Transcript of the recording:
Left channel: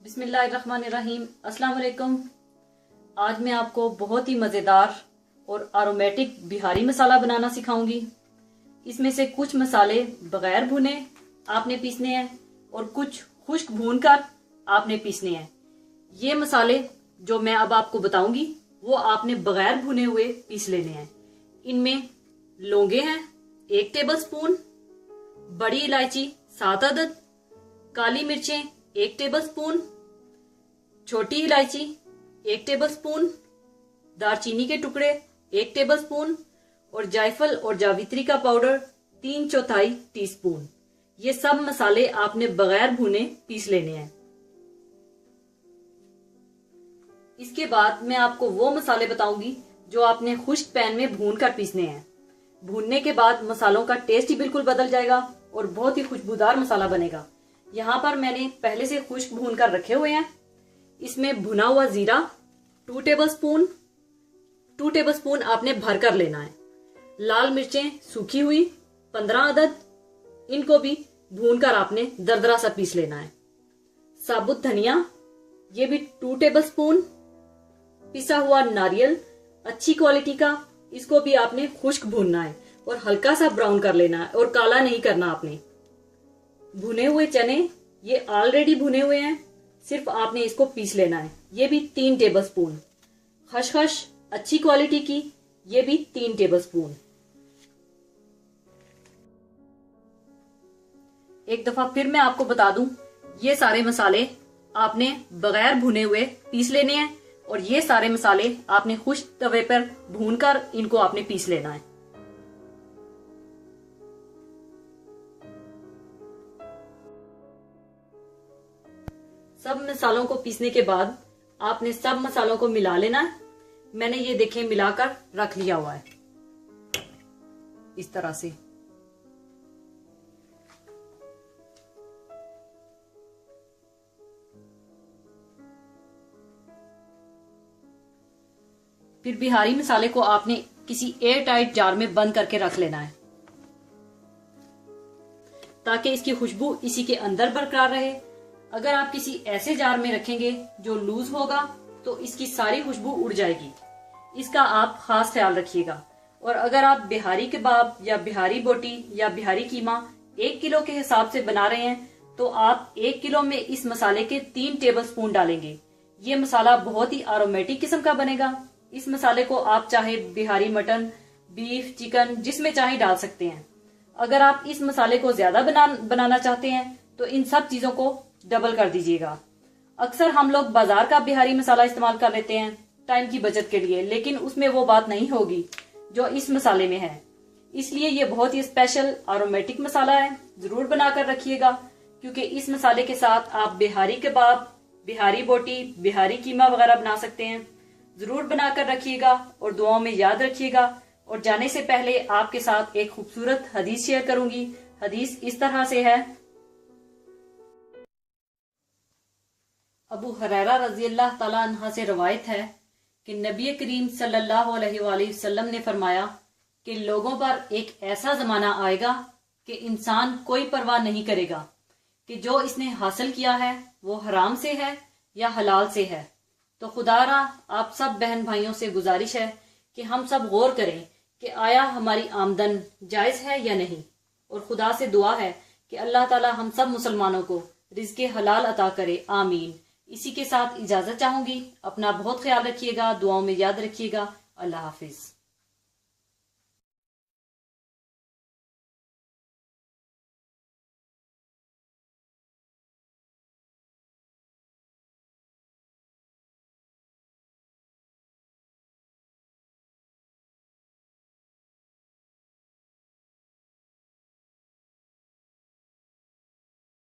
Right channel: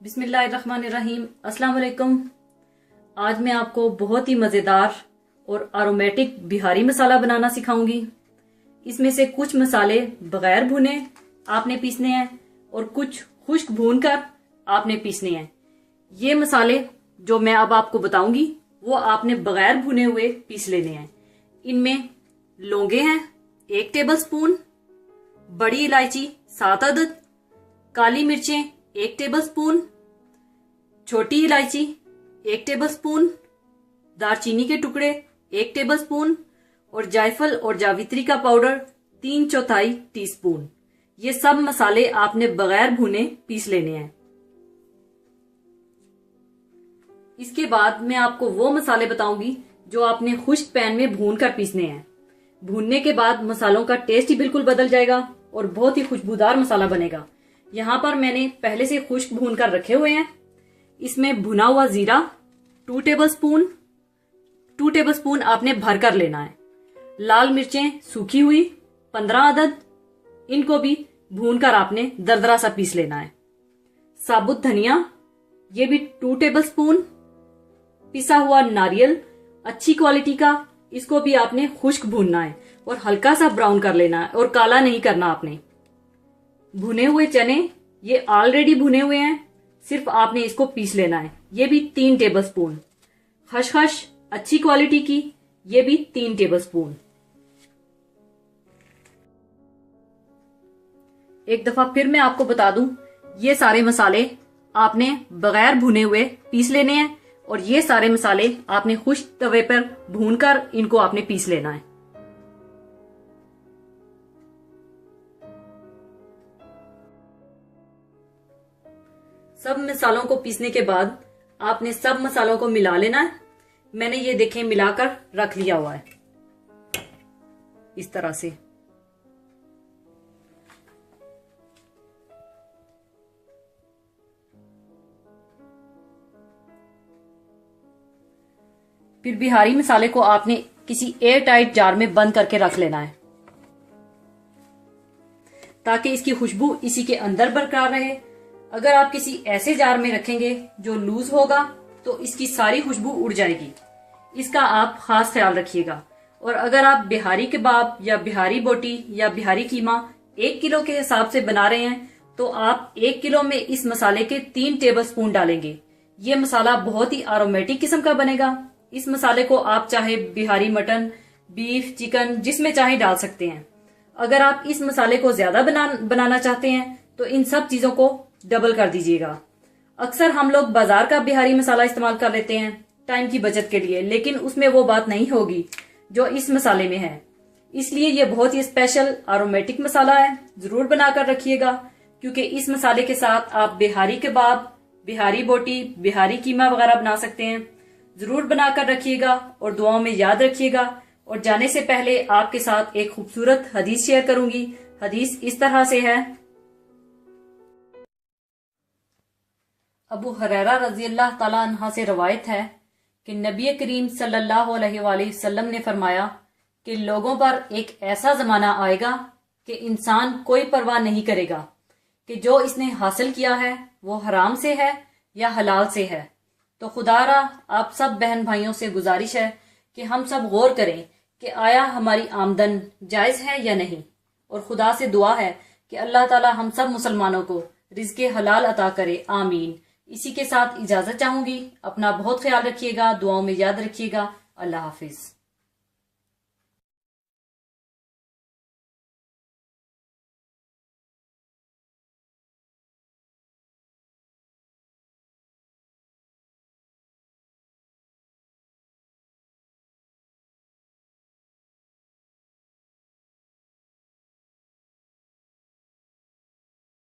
बिस्मिल्लाहिर्रहमानिर्रहीम। अस्सलाम वालेकुम। आज मैं आपको बहुत ही मज़ेदार और आरोमेटिक बिहारी मसाला बनाना सिखाऊंगी। इसमें से कुछ मसाले बगैर भुने आपने पीसने हैं और कुछ खुश्क भूनकर आपने पीसने हैं। ये मसाले जो मैं अब आपको बताऊंगी वो आपने बगैर भुने हुए पीस लेने हैं। इनमें लौंगे हैं 1 टेबलस्पून, बड़ी इलायची 7 अदद, काली मिर्चें 1 टेबलस्पून, छोटी इलायची 1 टेबलस्पून, दालचीनी के टुकड़े 1 टेबलस्पून और जायफल और जावित्री का पाउडर 3/4 टीस्पून। ये सब मसाले आपने बगैर भुने पीस लेने हैं। इसके बाद मैं आपको वो मसाले बताऊंगी जो आपने खुश्क पैन में भून कर पीसने हैं। भूनने के बाद मसालों का टेस्ट ही बिल्कुल बदल जाएगा और बहुत ही खुशबूदार मसाला बनेगा। यहाँ पर मैंने पहले से खुश्क भून कर रखे हुए हैं। इसमें भुना हुआ जीरा 2 टेबलस्पून आपने भर कर लेना है। लाल मिर्चें सूखी हुई 15 अदद, इनको भी भूनकर आपने दरदरा सा पीस लेना है। साबुत धनिया ये भी 2 टेबलस्पून, पिसा हुआ नारियल अच्छी क्वालिटी का, इसको भी आपने खुश्क भूनना है और हल्का सा ब्राउन कर लेना है और काला नहीं करना आपने। भुने हुए चने ये ऑलरेडी भुने हुए हैं, सिर्फ आपने इसको पीस लेना है। ये भी 3 टेबलस्पून। खसखस अच्छी क्वालिटी की, ये भी 3 टेबलस्पून। एक दफा फिर मैं आपको बता दूं, ये सारे मसाले आपने बगैर भुने हुए पीस लेने हैं और ये सारे मसाले आपने खुश्क तवे पर भूनकर इनको आपने पीस लेना है। सब मसालों को पीसने के बाद आपने सब मसालों को मिला लेना है। मैंने ये देखें मिलाकर रख लिया हुआ है इस तरह से। फिर बिहारी मसाले को आपने किसी एयर टाइट जार में बंद करके रख लेना है ताकि इसकी खुशबू इसी के अंदर बरकरार रहे। अगर आप किसी ऐसे जार में रखेंगे जो लूज होगा तो इसकी सारी खुशबू उड़ जाएगी। इसका आप खास ख्याल रखिएगा। और अगर आप बिहारी कबाब या बिहारी बोटी या बिहारी कीमा 1 किलो के हिसाब से बना रहे हैं तो आप 1 किलो में इस मसाले के 3 टेबलस्पून डालेंगे। ये मसाला बहुत ही आरोमेटिक किस्म का बनेगा। इस मसाले को आप चाहे बिहारी मटन, बीफ, चिकन जिसमें चाहे डाल सकते हैं। अगर आप इस मसाले को ज्यादा बनाना चाहते हैं तो इन सब चीजों को डबल कर दीजिएगा। अक्सर हम लोग बाजार का बिहारी मसाला इस्तेमाल कर लेते हैं टाइम की बचत के लिए, लेकिन उसमें वो बात नहीं होगी जो इस मसाले में है। इसलिए ये बहुत ही स्पेशल आरोमेटिक मसाला है। जरूर बनाकर रखिएगा क्योंकि इस मसाले के साथ आप बिहारी कबाब, बिहारी बोटी, बिहारी कीमा वगैरह बना सकते हैं। जरूर बनाकर रखिएगा और दुआओं में याद रखिएगा। और जाने से पहले आपके साथ एक खूबसूरत हदीस शेयर करूंगी। हदीस इस तरह से है। अबू हुरैरा रज़ियल्लाहु ताला अन्हा से रवायत है कि नबी करीम सल्लल्लाहु अलैहि वसल्लम ने फरमाया कि लोगों पर एक ऐसा जमाना आएगा कि इंसान कोई परवाह नहीं करेगा कि जो इसने हासिल किया है वो हराम से है या हलाल से है। तो खुदारा आप सब बहन भाइयों से गुजारिश है कि हम सब गौर करें कि आया हमारी आमदन जायज है या नहीं। और खुदा से दुआ है कि अल्लाह ताला हम सब मुसलमानों को रिज़्क़े हलाल अता करे, आमीन। इसी के साथ इजाजत चाहूंगी। अपना बहुत ख्याल रखिएगा, दुआओं में याद रखिएगा। अल्लाह हाफिज।